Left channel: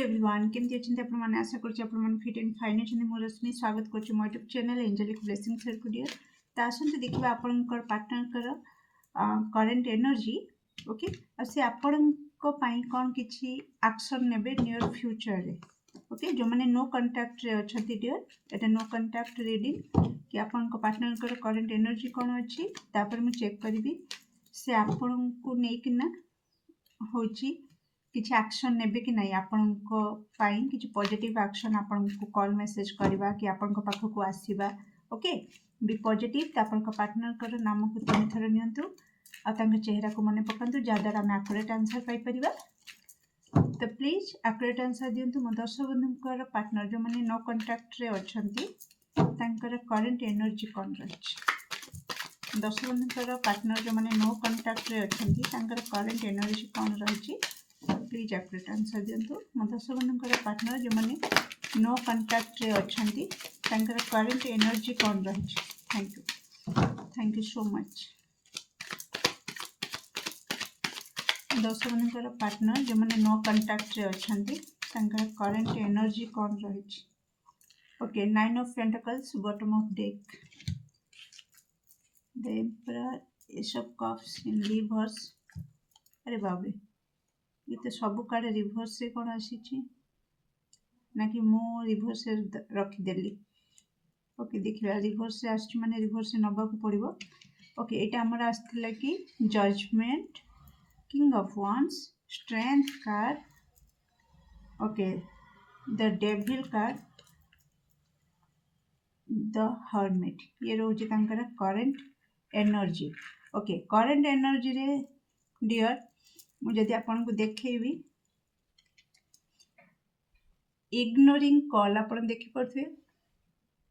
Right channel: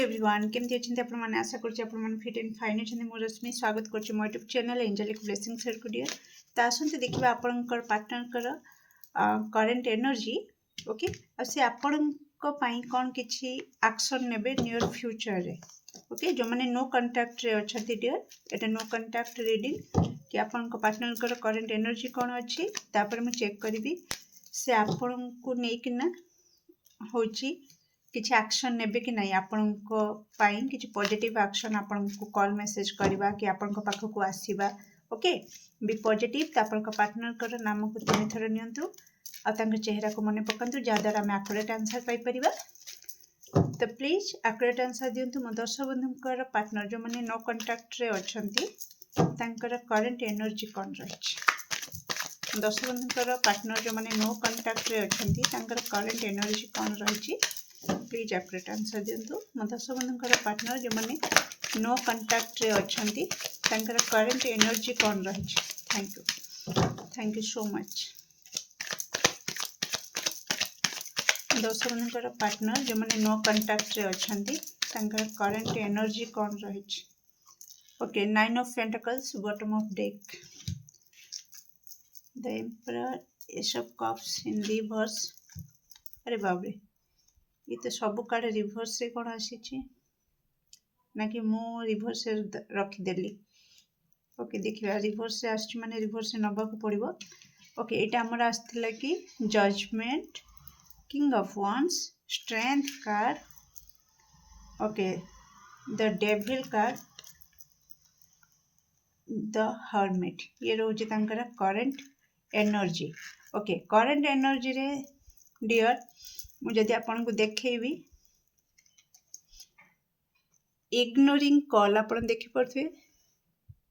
Hello everyone केमती अच्छे आपण मैंने आशा कर फिट एंड फाइन अच्छे मो रश्मि स्वागत कर मो यूट्यूब चैनल एंजेलिक ब्लेसिंग सर्कुडियर तो आसते देखिए आपणकर पार्टनर करेन्ट एनर्जी ओके से आपण कौन किसी एक्शन नेबे नियर फ्यूचर रे ओके जो मैंने नो कांटेक्ट रे अच्छा डियर एटा नो कांटेक्ट रीडिंग कि आपण पार्टनर करेन्ट एनर्जी कौन अच्छी तापर मुझे चेक करी से आपण को लेकिना होची किसी एक्शन नेबे कि नहीं आपण किसी पॉजिटिव एक्शन आपण को कॉल मेसेज करवा कि आपण पाखक आसवा ओके बी पॉजिटिव आपण पार्टनर नाम को 3 थर नियंतु आ चेहरा को मन पकातु जहाद्वारा आम एक्यूरेट आंसर पाइपर तो प्लीज एक्यूरेट आंसर दिंतु मो दर्शक बंधुकर पार्टनर जो मैंने नो कांटेक्ट रे अच्छंती करेन्ट एनर्जी कौन रही दर्शक बंधुकर पार्टनर जो मैंने नो कांटेक्ट रे अच्छंती करेन्ट एनर्जी कौन रही प्लीज एक्यूरेट आंसर दिंतु मो दर्शक बंधुकर पार्टनर जो मैंने नो कांटेक्ट रे अच्छंती करेन्ट एनर्जी कौन रही थैंक यू सो मच दर्शक बंधुकर पार्टनर जो मैंने नो कांटेक्ट रे अच्छंती करेन्ट एनर्जी कौन रही okay 9 of pentacles bottom of deck the emperor S of cups in reverse अरे बाप रे ये तो सब कार्ड रिवर्स से कौन आसी ना कि मु रिवर्स से रखीदेली ओके देखिए रिवर्स से आसी माने रिवर्स से नबा को पड़ो ओके ये आमर आसला कि judgment king of wands strength card okay the devil card the hermit ये रोज current energy okay current energy रे डियर मुझे आपन को देखेबी इग्नोरिंग कॉल आपन देखि पड़थे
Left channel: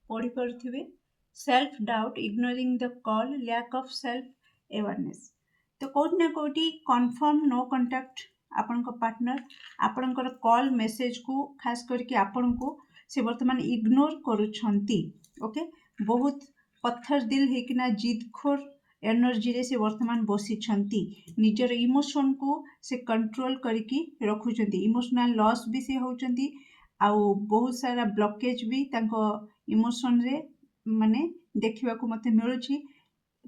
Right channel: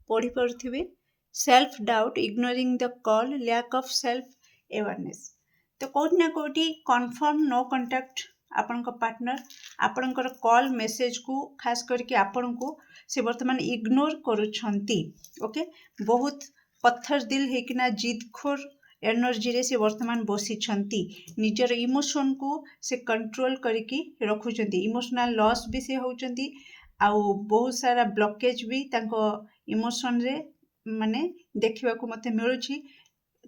पढ़ी पड़थे self doubt ignoring the call lack of self awareness तो कोट ना कोटी कन्फर्म नो कांटेक्ट आपन को पार्टनर आपनकर कॉल मेसेज को खास करके आपन को से वर्तमान इग्नोर करूछंती ओके बहुत पत्थर दिल हेकिना जिदखोर एनर्जी रे से वर्तमान बसी निजर इमोशन को से कंट्रोल करके रखुचंती इमोशनल लॉस भी से होचंती आउ बहुत सारा ब्लॉकेज भी तांको इमोशन रे माने देखिबा को मते मिलुची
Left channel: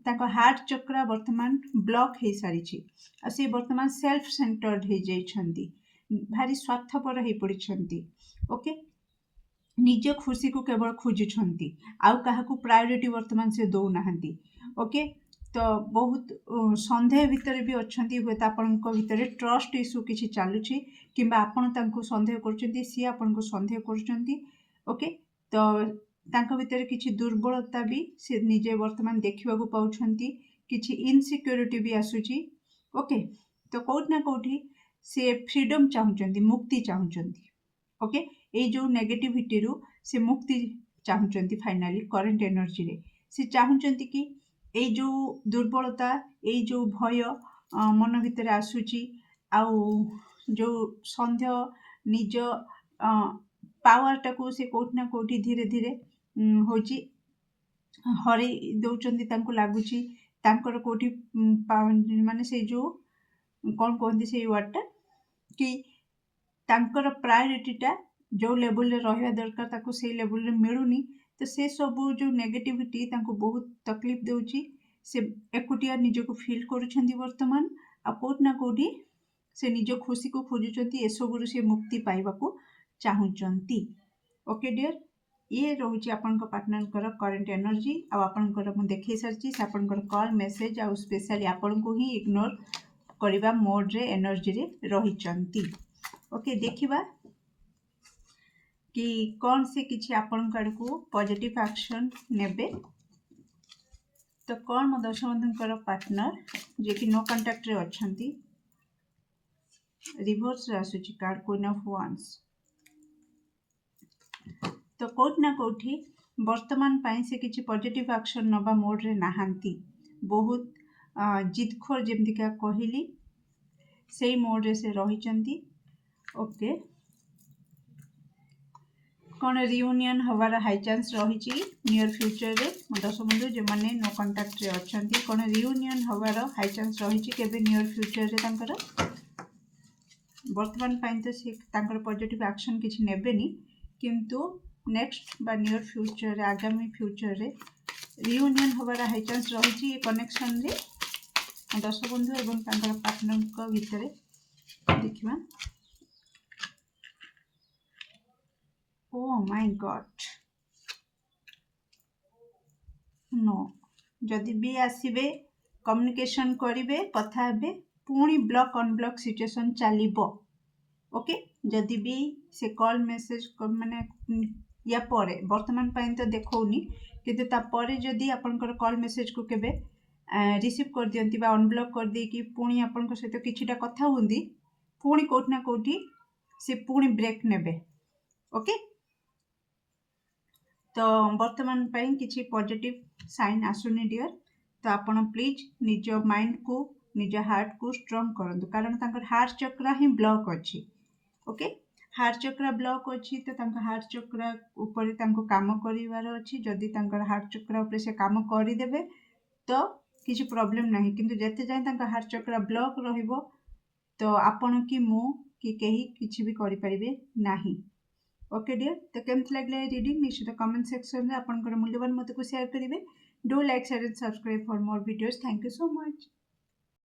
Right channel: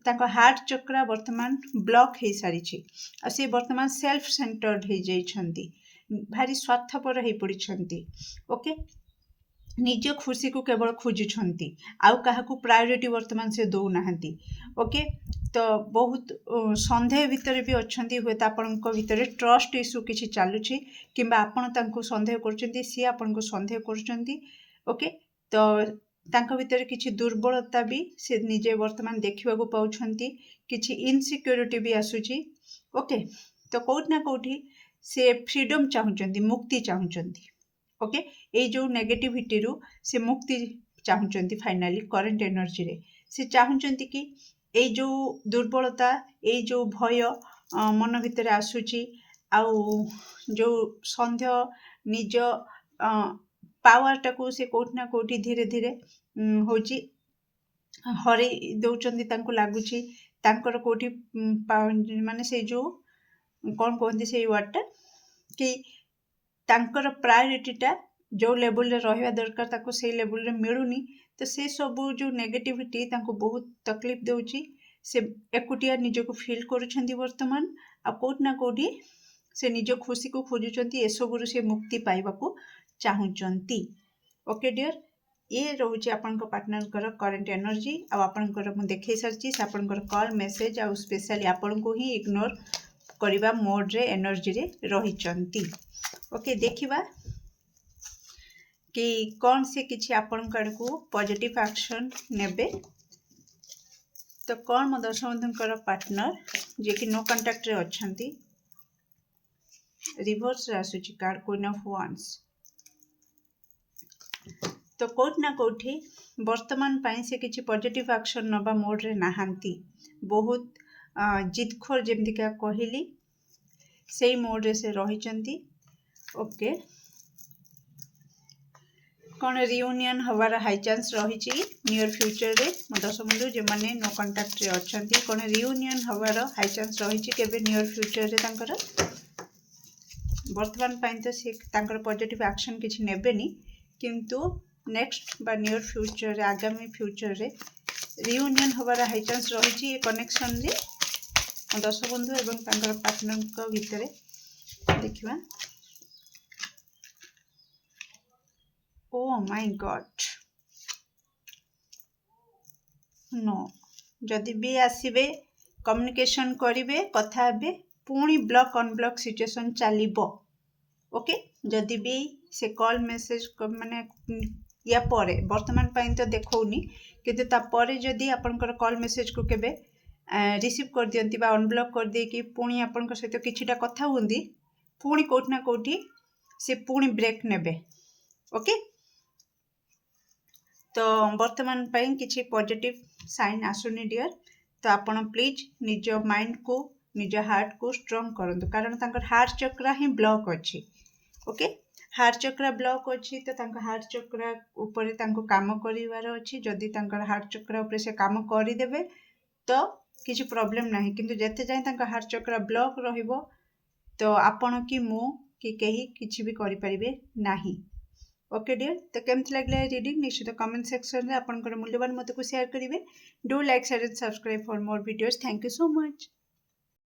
तांको हार्ट चक्र वर्तमान ब्लॉक हे सारी आ से वर्तमान सेल्फ सेंटर्ड हे जाइछंती भारी स्वार्थपर हे पड़िछंती ओके निज खुशी को केवल खोजुछंती आउ काहाकू प्रायोरिटी वर्तमान से दो नाहंती ओके तो बहुत संदेह भितर भी अच्छी हुए तो आपण भितर ट्रस्ट इश्यू किसी चलुची किंबा आपण तांको संदेह करछंती सी आपण को संदेह करछंती ओके तो तांको भितर किसी दुर्बलता भी से निजे वर्तमान देखा पाउछंती किसी इनसिक्योरिटी भी आसुची ओके तो कोउठ ना कोउठी से फ्रीडम चाहुचंती मुक्ति चाहुचंती ओके ये जो नेगेटिविटी रु से मुक्ति चाहुचंती फाइनली करेन्ट एनर्जी रे से चाहुचंती कि ये जो दुर्बलता ये जो भय मन भितर आसुची आउ जो संदेह निज पावर टाको से कोठी ना कोठी धीरे धीरे होची हरे दौचंती तांको लागुची तांकर कोठी माने से जो कौन कहते से वर्डटा कि तांकर प्रायोरिटीटा जो लेवल रे रहिबा दरकार ताको से लेवल रे मिलुनी तो से सबू जो नेगेटिविटी तांको बहुत तकलीफ देउची से एकुटिया निजको फील करूछंती वर्तमान आ कोट ना कोडी से निज खुशी को खोजुचंती ए सबु से मुक्ति पाइबा को चाहुचंती ओके डियर ये रोचे आपनका पार्टनर करेन्ट एनर्जी आ आपनकर मु देखै सरची से आपनकर कॉल मेसेज आ स्पेशली आपन को ही इग्नोर करिबा मोड रे एनर्जी रे रहिचंती ओके देखिबा कि कौन से किसी आपण को पॉजिटिव एक्शन नेबे तो कौन मो दर्शक बंधुकर पार्टनर जे कि नो कांटेक्ट रे अच्छंती रिवर्स रे आसुची कार्ड क्वीन ऑफ वांड्स तो कोट ना कोठी वर्तमान पाई से किसी पॉजिटिव एक्शन नबा मोड रे नाहांती बहुत जिदखोर जेमती का कहली से मोड रे से रहिचंती ओके कौन रियूनियन हवार हाई चांस रही नियर फ्यूचर रे दर्शक बंधु जो मैंने नो कांटेक्ट रे अच्छंती कौन रियूनियन हवार हाई चांस रही केबे नियर फ्यूचर रे तांकर बर्तमान तो सी पॉजिटिव एक्शन किसी नेबेनी किंतु नेक्स्ट बा नियर फ्यूचर आगामी फ्यूचर रे रियूनियन होबार हाई चांस रही कनेक्शन रे दश बंधु एवं पार्टनर भितर देखा ओ माय गॉड नो जदि भी आसबे कम्युनिकेशन करेंगे कथा हे पुणी ब्लॉक अनब्लॉक सिचुएशन चलो ओके जदि भी से कॉल मेसेज माने या परे वर्तमान तो देखौनी किंतु तापर जदि आपनकर कॉल मेसेज को केबे रिसीव कर दियंती बा अनब्लॉक कर दे कि पुणी आपन सहित किछिटा कथा हुंदी पुणी कोठना कोठी से पुणी ब्रेक नेबे ओके तो वर्तमान किसी पॉजिटिव साइन आसुनी डियर तो आपण प्लीज निज माइंड को निज हार्ट को स्ट्रॉन्ग करंतु कारण तांकर हार्ट चक्र ही ब्लॉक अच्छी ओके हार्ट चक्र ब्लॉक अच्छी तो हार्ट चक्र ऊपर काम करिवार अच्छी जदि तांकर हार्ट चक्र ऊपर से काम करदेवे तो किसी प्रॉब्लम नहीं किंतु जते जाए हार्ट चक्र ब्लॉक रहिबो तो आपण कि मु कि कहीं किसी भी करि परिबे नाही ओके डियर तो केमती लगे रीडिंग निश्चित कमेंट सेक्शन में आपंकर मूल्यवान मत को शेयर करेंगे do like share and subscribe for more videos thank you so much.